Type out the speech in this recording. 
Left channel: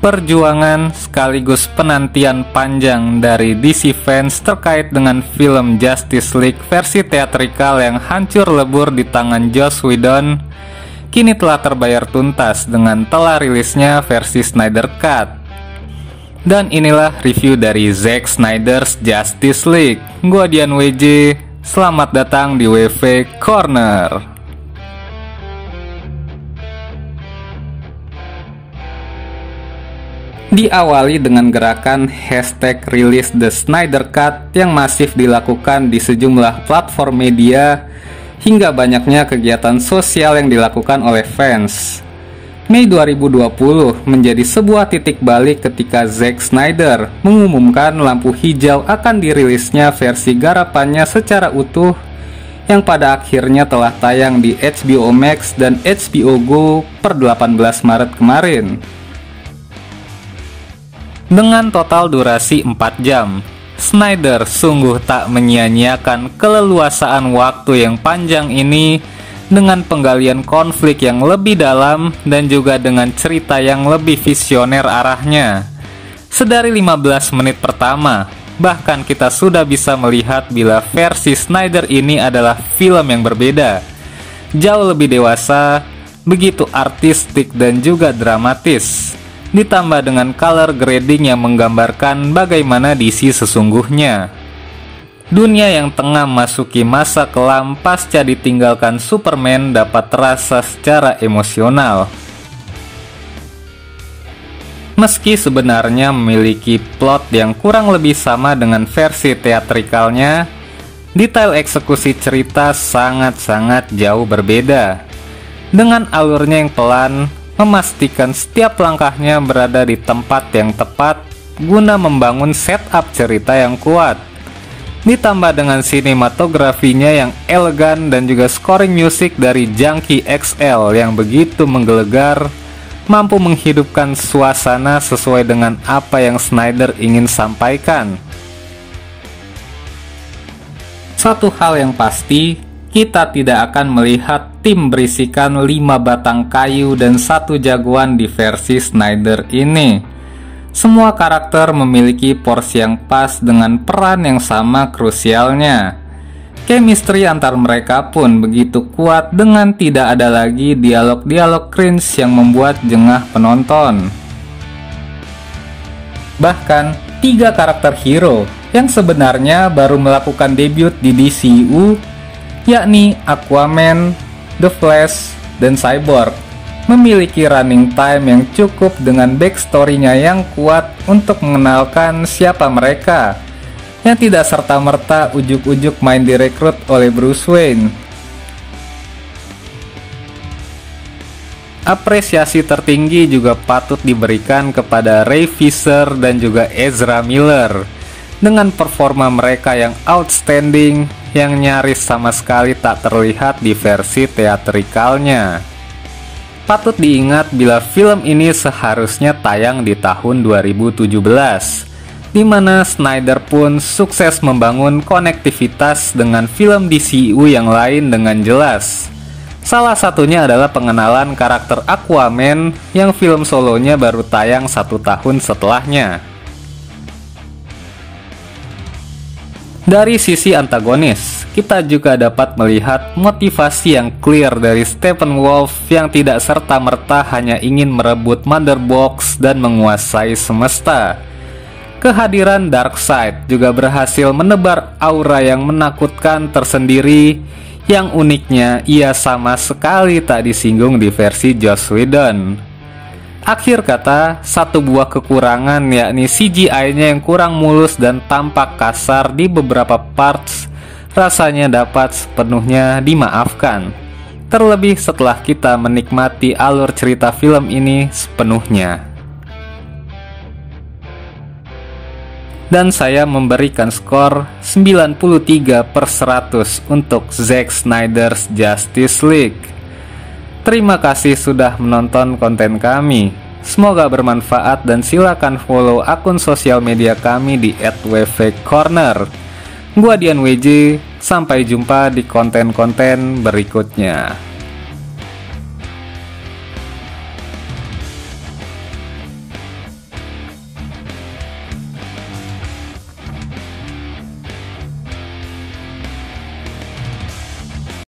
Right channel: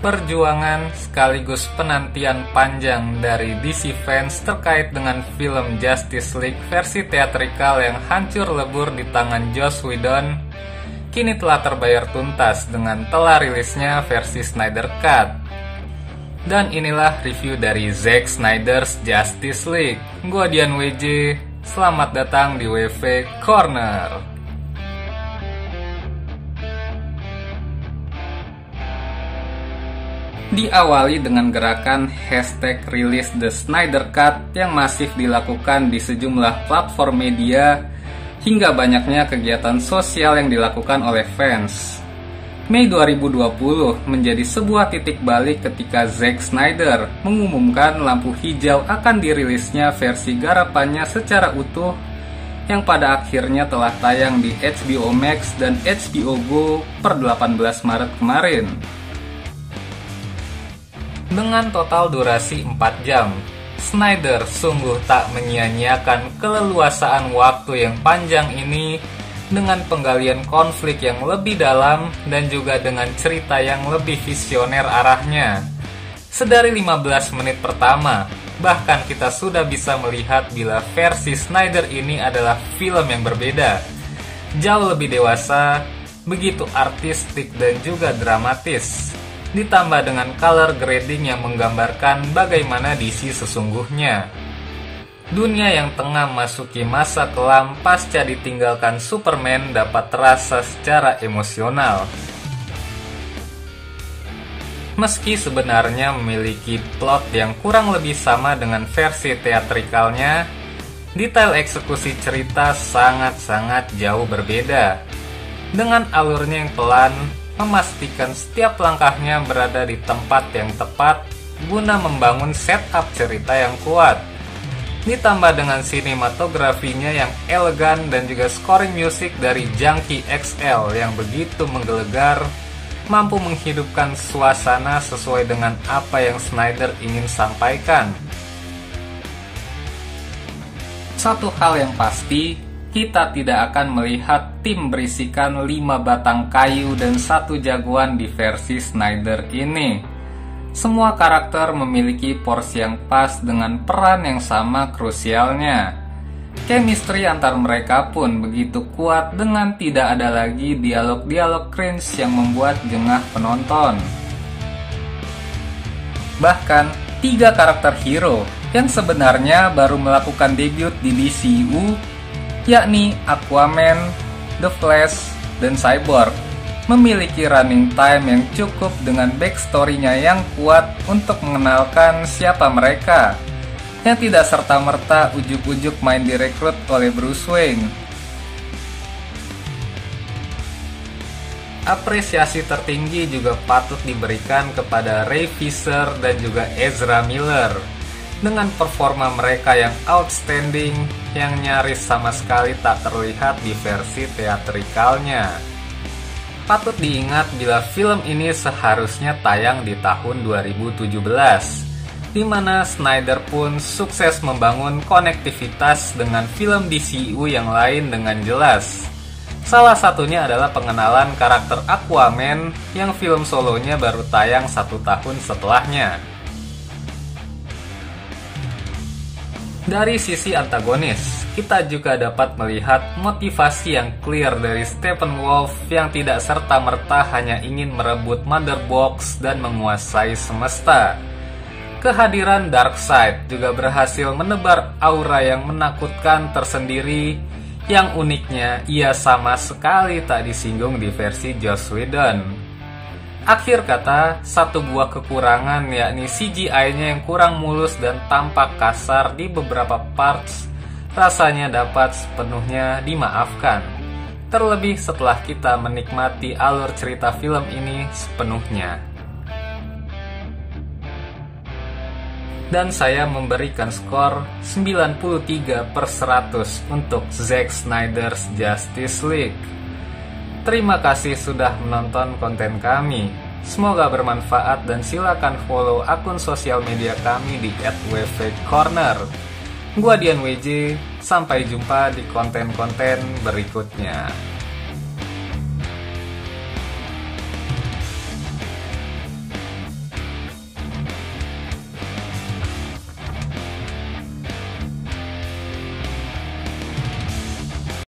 perjuangan sekaligus penantian panjang dari DC fans terkait dengan film Justice League versi teatrikal yang hancur lebur di tangan Joss Whedon kini telah terbayar tuntas dengan telah rilisnya versi Snyder Cut. Dan inilah review dari Zack Snyder's Justice League. Gua Dian WJ, selamat datang di WV Corner. Diawali dengan gerakan hashtag Release the Snyder Cut yang masif dilakukan di sejumlah platform media hingga banyaknya kegiatan sosial yang dilakukan oleh fans. Mei 2020 menjadi sebuah titik balik ketika Zack Snyder mengumumkan lampu hijau akan dirilisnya versi garapannya secara utuh yang pada akhirnya telah tayang di HBO Max dan HBO Go per 18 Maret kemarin. Dengan total durasi 4 jam, Snyder sungguh tak menyia-nyiakan keleluasaan waktu yang panjang ini dengan penggalian konflik yang lebih dalam dan juga dengan cerita yang lebih visioner arahnya. Sedari 15 menit pertama, bahkan kita sudah bisa melihat bila versi Snyder ini adalah film yang berbeda. Jauh lebih dewasa, begitu artistik dan juga dramatis. Ditambah dengan color grading yang menggambarkan bagaimana DC sesungguhnya. Dunia yang tengah masuki masa kelam pasca ditinggalkan Superman dapat terasa secara emosional. Meski sebenarnya memiliki plot yang kurang lebih sama dengan versi teatrikalnya, detail eksekusi cerita sangat-sangat jauh berbeda. Dengan alurnya yang pelan, memastikan setiap langkahnya berada di tempat yang tepat guna membangun setup cerita yang kuat. Ditambah dengan sinematografinya yang elegan dan juga scoring musik dari Junkie XL yang begitu menggelegar, mampu menghidupkan suasana sesuai dengan apa yang Snyder ingin sampaikan. Satu hal yang pasti, kita tidak akan melihat tim berisikan 5 batang kayu dan 1 jagoan di versi Snyder ini. Semua karakter memiliki porsi yang pas dengan peran yang sama krusialnya. Chemistry antar mereka pun begitu kuat dengan tidak ada lagi dialog-dialog cringe yang membuat jengah penonton. Bahkan 3 karakter hero yang sebenarnya baru melakukan debut di DCU, yakni Aquaman, The Flash, dan Cyborg, memiliki running time yang cukup dengan backstory-nya yang kuat untuk mengenalkan siapa mereka, yang tidak serta-merta ujuk-ujuk main direkrut oleh Bruce Wayne. Apresiasi tertinggi juga patut diberikan kepada Ray Fisher dan juga Ezra Miller dengan performa mereka yang outstanding yang nyaris sama sekali tak terlihat di versi teatrikalnya. Patut diingat bila film ini seharusnya tayang di tahun 2017, di mana Snyder pun sukses membangun konektivitas dengan film DCU yang lain dengan jelas. Salah satunya adalah pengenalan karakter Aquaman yang film solonya baru tayang 1 tahun setelahnya. Dari sisi antagonis, kita juga dapat melihat motivasi yang clear dari Steppenwolf yang tidak serta-merta hanya ingin merebut Mother Box dan menguasai semesta. Kehadiran Darkseid juga berhasil menebar aura yang menakutkan tersendiri, yang uniknya ia sama sekali tak disinggung di versi Joss Whedon. Akhir kata, satu buah kekurangan yakni CGI-nya yang kurang mulus dan tampak kasar di beberapa parts rasanya dapat sepenuhnya dimaafkan. Terlebih setelah kita menikmati alur cerita film ini sepenuhnya. Dan saya memberikan skor 93/100 untuk Zack Snyder's Justice League. Terima kasih sudah menonton konten kami. Semoga bermanfaat dan silakan follow akun sosial media kami di @wvcorner. Gua Dian WJ, sampai jumpa di konten-konten berikutnya.